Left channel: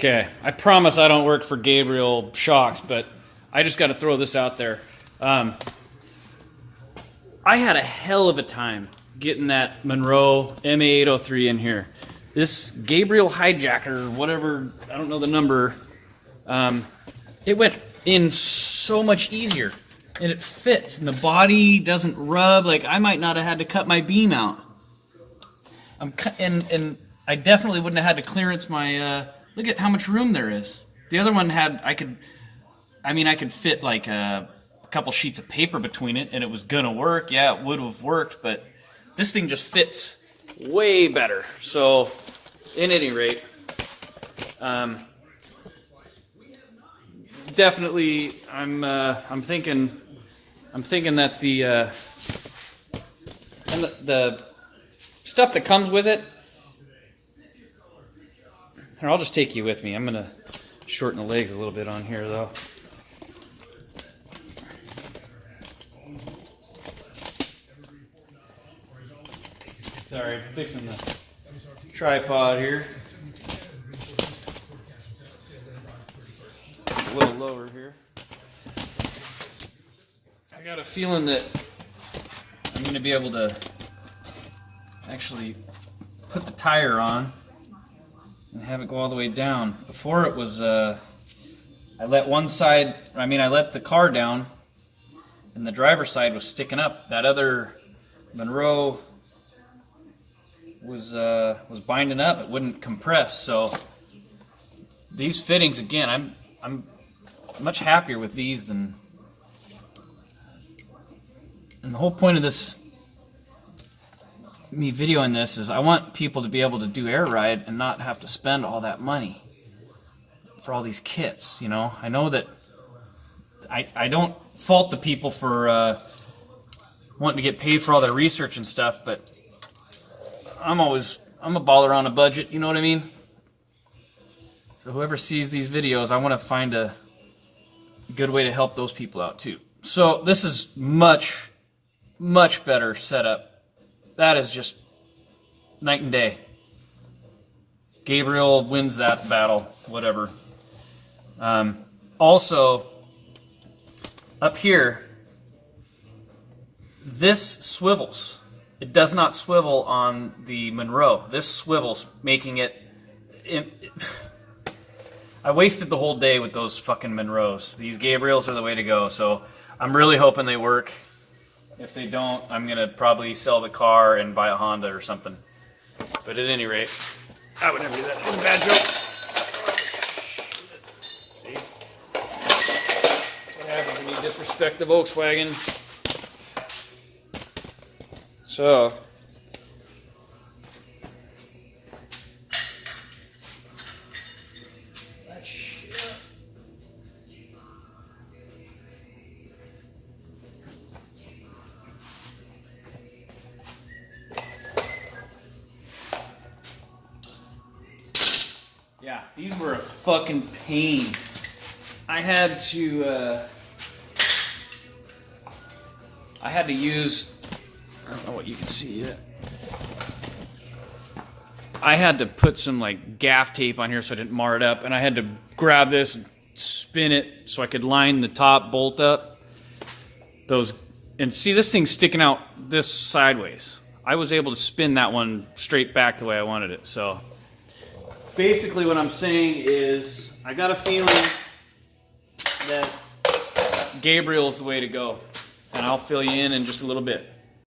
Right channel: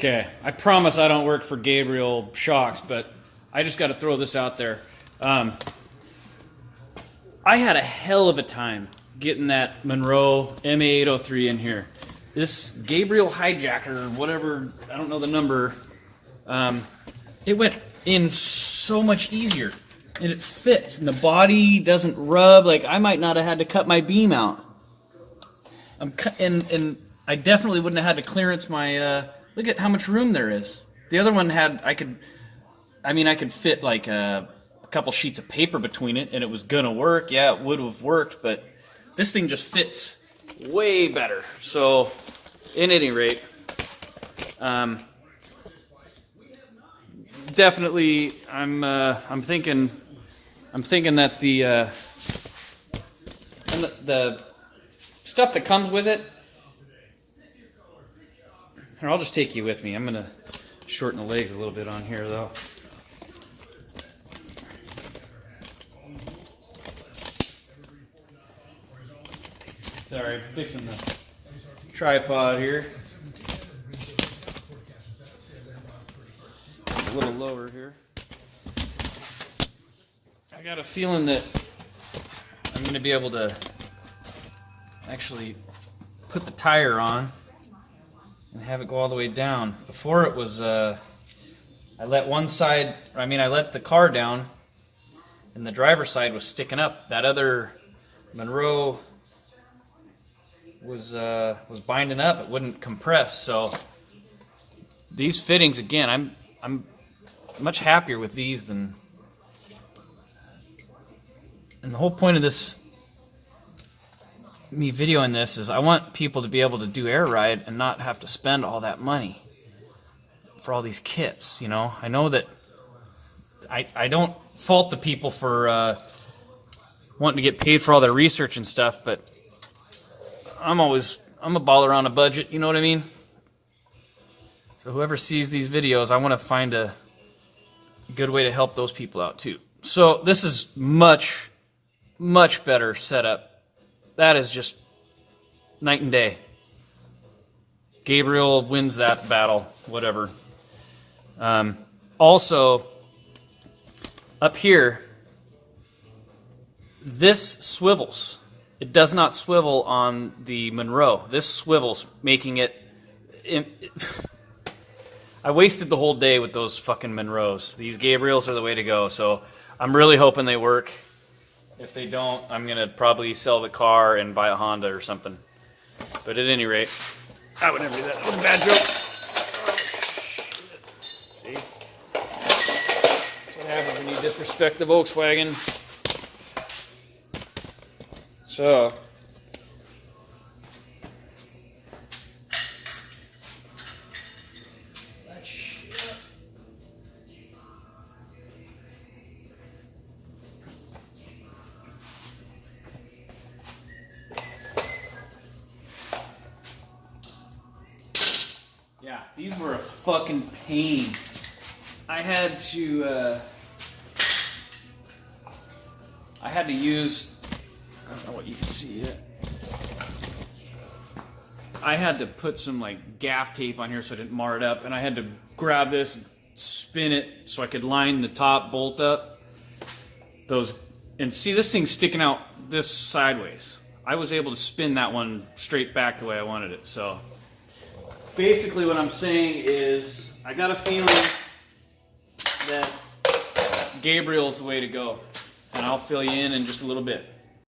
Okay, I promise I don't work for Gabriel Shocks, but I just got to throw this out there. I had a hell of a time getting that Monroe ma803 in here. This Gabriel hijacker, whatever, I don't know the number, it went in so much easier. And it fits, and the body doesn't rub. Like, I might not have had to cut my beam out. And I definitely wouldn't have had to clearance my, look at how much room there is. The other one had, I could fit like a couple sheets of paper between it, and it was gonna work. Yeah, it would have worked, but this thing just fits way better. So, in any rate, definitely, I'm thinking that the stuff that comes with it. Here, I'll just take you with me. I'm gonna shorten the legs a little bit on here, though. Sorry, I'm fixing the tripod here. A little lower here. I got a feeling that I'm going to be able to actually put the tire on and have it go all the way down. Before it was, I let the car down and the driver's side was sticking up. That other Monroe was binding up. It wouldn't compress. So these fittings, again, I'm much happier with these than. And the whole point of me videoing this is I want people to be able to do air ride and not have to spend all that money for all these kits. You know, I know that I don't fault the people for wanting to get paid for all their research and stuff, but I'm a baller on a budget, you know what I mean? So whoever sees these videos, I want to find a good way to help those people out too. So this is much better setup. That is just night and day. Gabriel wins that battle, whatever. Also, up here, this swivels. It does not swivel on the Monroe. This swivels, making it I wasted the whole day with those fucking Monroes. These Gabriels are the way to go, so I'm really hoping they work. If they don't, I'm going to probably sell the car and buy a Honda or something. But at any rate, I would never do that. That was a bad joke. See? That's what happens when you disrespect the Volkswagen. So, yeah, these were a fucking pain. I had to use, I don't know what you can see yet. I had to put some like gaff tape on here so I didn't mar it up, and I had to grab this and spin it so I could line the top bolt up. And see, this thing's sticking out this sideways. I was able to spin that one straight back the way I wanted it. So basically what I'm saying is I got a feeling that Gabriel's the way to go, and I'll fill you in just a little bit.